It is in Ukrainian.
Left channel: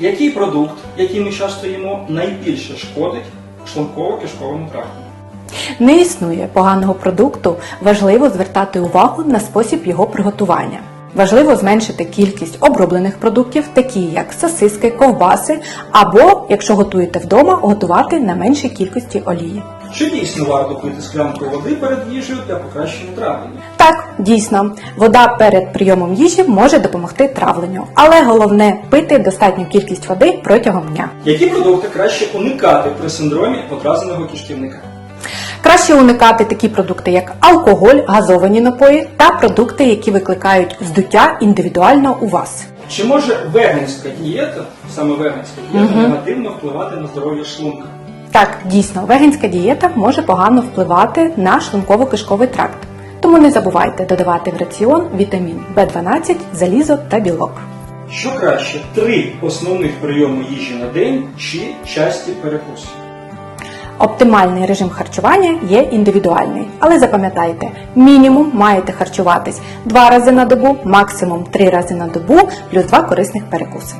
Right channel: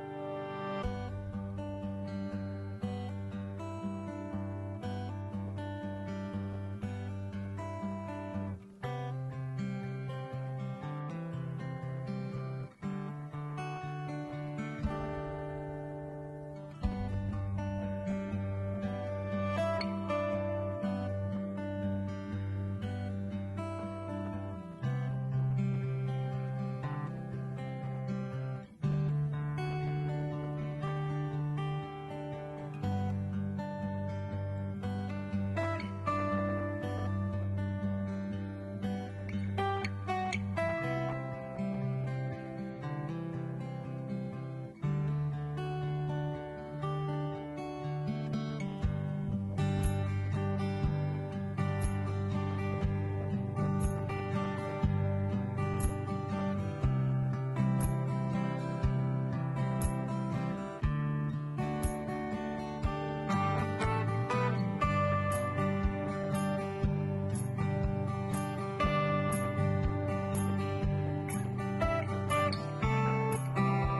Який продукт, який ми часто їмо, найбільше шкодить шлунково-кишковому тракту? Не існує поганого продукту, важливо звертати увагу на спосіб його приготування. Важливо зменшити кількість оброблених продуктів, такі як сосиски, ковбаси, або, якщо готуєте вдома, готувати на меншій кількості олії. Чи дійсно варто пити склянку води перед їжею для покращення травлення? Так, дійсно, вода перед прийомом їжі може допомогти травленню, але головне пити достатню кількість води протягом дня. Які продукти краще уникати при синдромі одразаного кишківника? Краще уникати такі продукти, як алкоголь, газовані напої та продукти, які викликають здуття індивідуально у вас. Чи може веганська дієта, саме веганська дієта, негативно впливати на здоров'я шлунка? Так, дійсно, веганська дієта може погано впливати на шлунково-кишковий тракт. Тому не забувайте додавати в раціон вітамін В12, залізо та білок. Що краще, три основних прийоми їжі на день чи часті перекуси? Оптимальний режим харчування є індивідуальний, але запам'ятайте, мінімум маєте харчуватись два рази на добу, максимум три рази на добу, плюс два корисних перекуси.